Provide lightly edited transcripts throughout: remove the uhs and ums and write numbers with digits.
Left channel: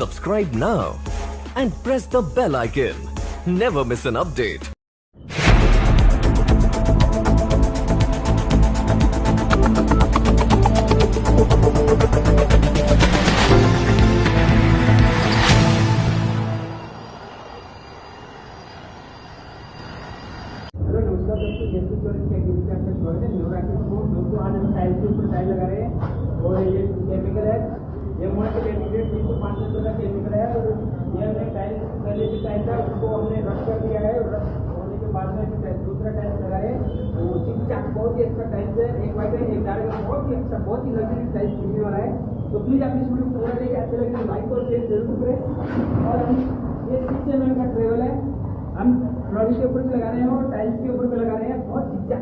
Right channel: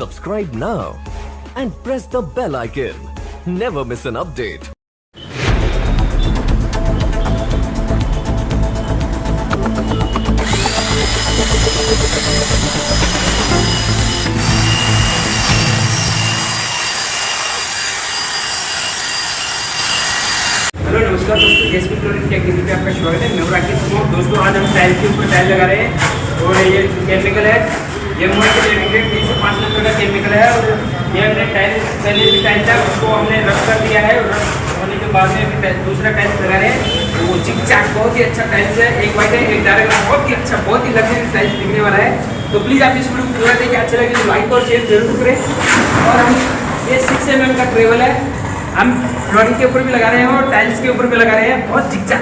Subscribe now and press the bell icon. Never miss an update. Hello नमस्कार दोस्तों, SP flooring technical पे आपका स्वागत है। मैं राकेश कुमार। दोस्तों आज हम टाइल के ऊपर टाइल लगा रहे हैं और ये केमिकल है, ये मोड़ के रेडिएट 3 से 5 नंबर का केमिकल है। और ये हमने टाइल पहले भी टाइल था उसको हमने रफ कर दिया है और रफ होने के बाद में भी दूसरा टाइल्स लगा रहे हैं। तो वो चिक चाक बहुत ही अच्छा टाइल्स है, एक वाइट है एक डार्क, बहुत ही अच्छा, बहुत ही लग्जरी टाइल्स दिखने वाला है। तो प्लीज़ आप इस वीडियो को पूरा देखिए, अच्छा लगे तो लाइक और शेयर जरूर करें। और हम ये 6 mm का ट्रेवल है, हम फ्लोरिंग के ऊपर भी लगा रहे हैं और टाइल्स के ऊपर भी लगा रहे हैं। बहुत झिकझक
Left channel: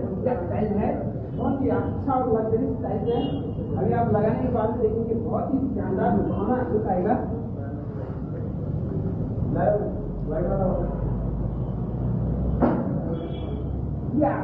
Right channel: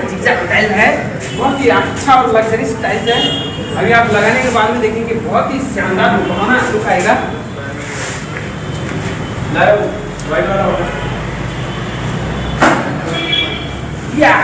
टाइल है, बहुत ही अच्छा और लग्जरियस टाइल्स है। अभी आप लगाने के बाद में देखेंगे बहुत ही शानदार लुभावना लुक आएगा। या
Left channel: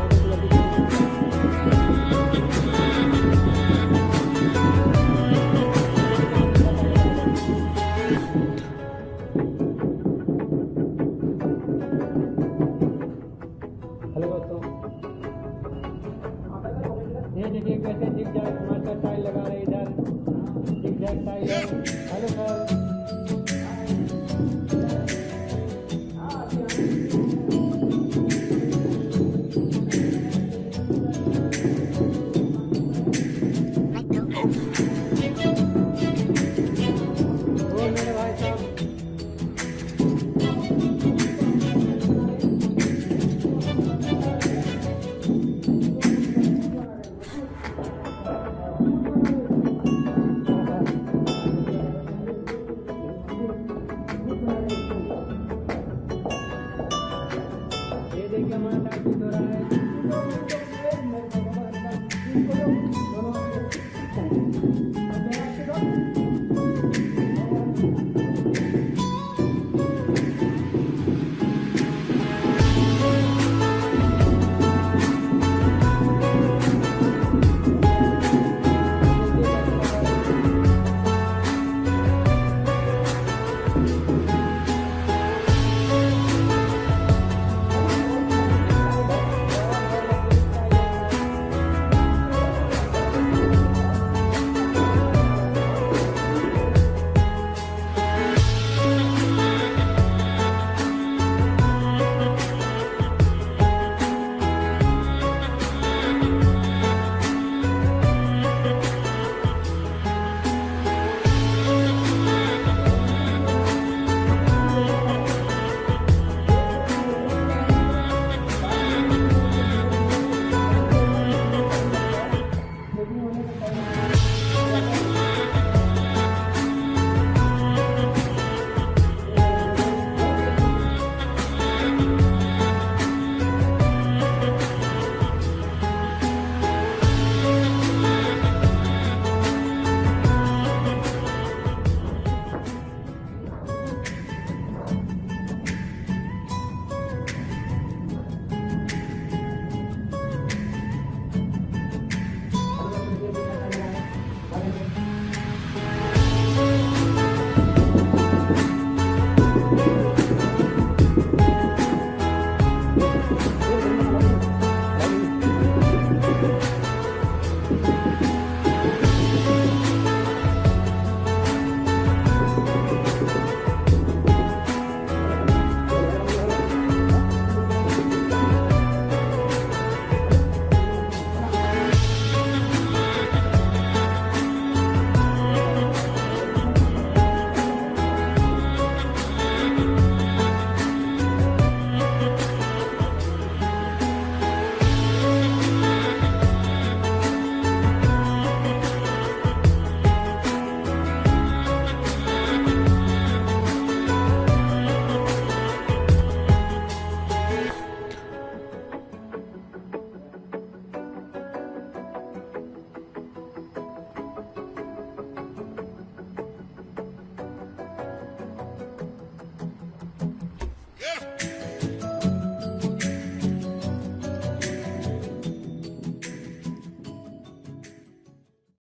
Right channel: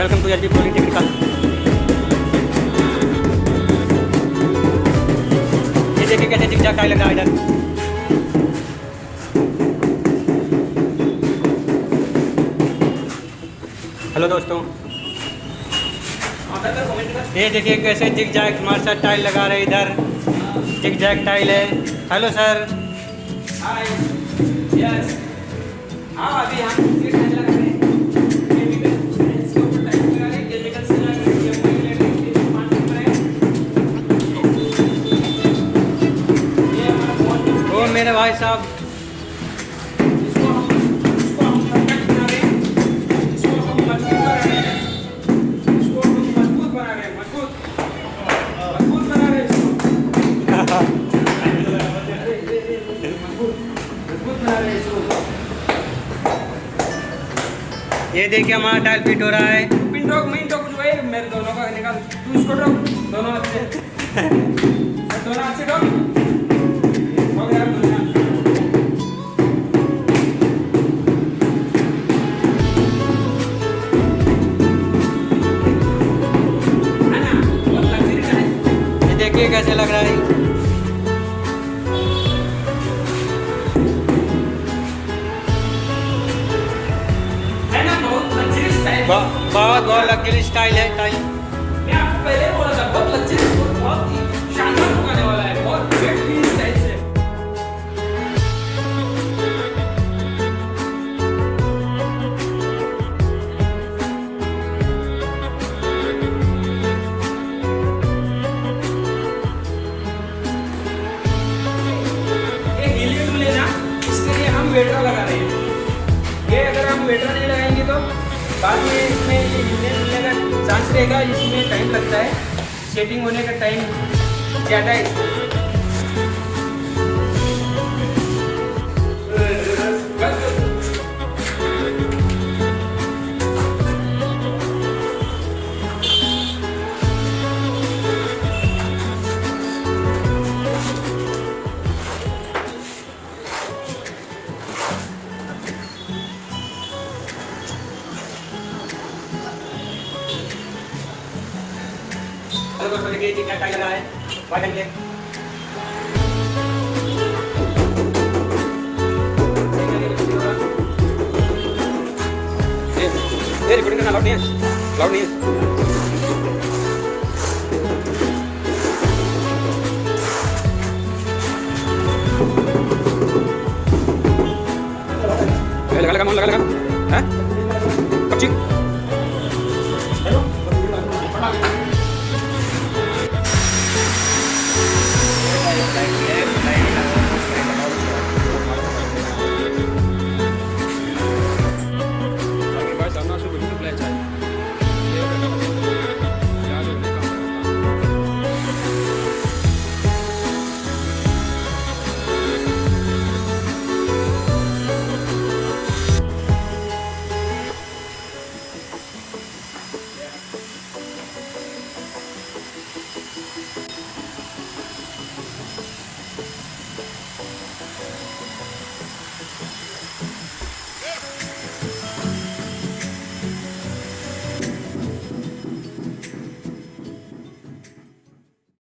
welcome to SP flooring technical. ये देखिए कैसे झिकझक टाइल लगा है इधर। हेलो दोस्तों, ये देखिए कैसे झिकझक मार्शल टाइल लगा रहे इधर। झिकझक टाइल है। Hello sir. हाय। यस। हाँ, अभी हम दूसरी टाइल लगा रहे हैं। मेरे भाई साहब ये देखिए हमारा टाइल फिट हो रहा है। पिन ठोक कुछ भाई, मेरे दोनों का निकाल, तू इसको ठोक, दोनों हाथ से दोनों हाथ से ठोक। देखिए कैसे लग रहा है। बहुत लग्जरी स्टाइल है। मैं आपको पहले बोला था, बहुत लग्जरी, बहुत ही शानदार होने वाला है, बहुत बेहतरीन स्टाइल से। ये हीलियम लेना, इसके लिए हम वेटर लगा रहे हैं। ये अगर हम वेटर नहीं लगाएंगे तो बाद में इसमें चांस रहेगा, इसमें टाइम लगता है, सेटिंग होने का टाइम ज़्यादा है। दोस्तों देखिए क्या टाइल लगा है वाइट के। ये रिकॉर्डिंग करना लौट नहीं है।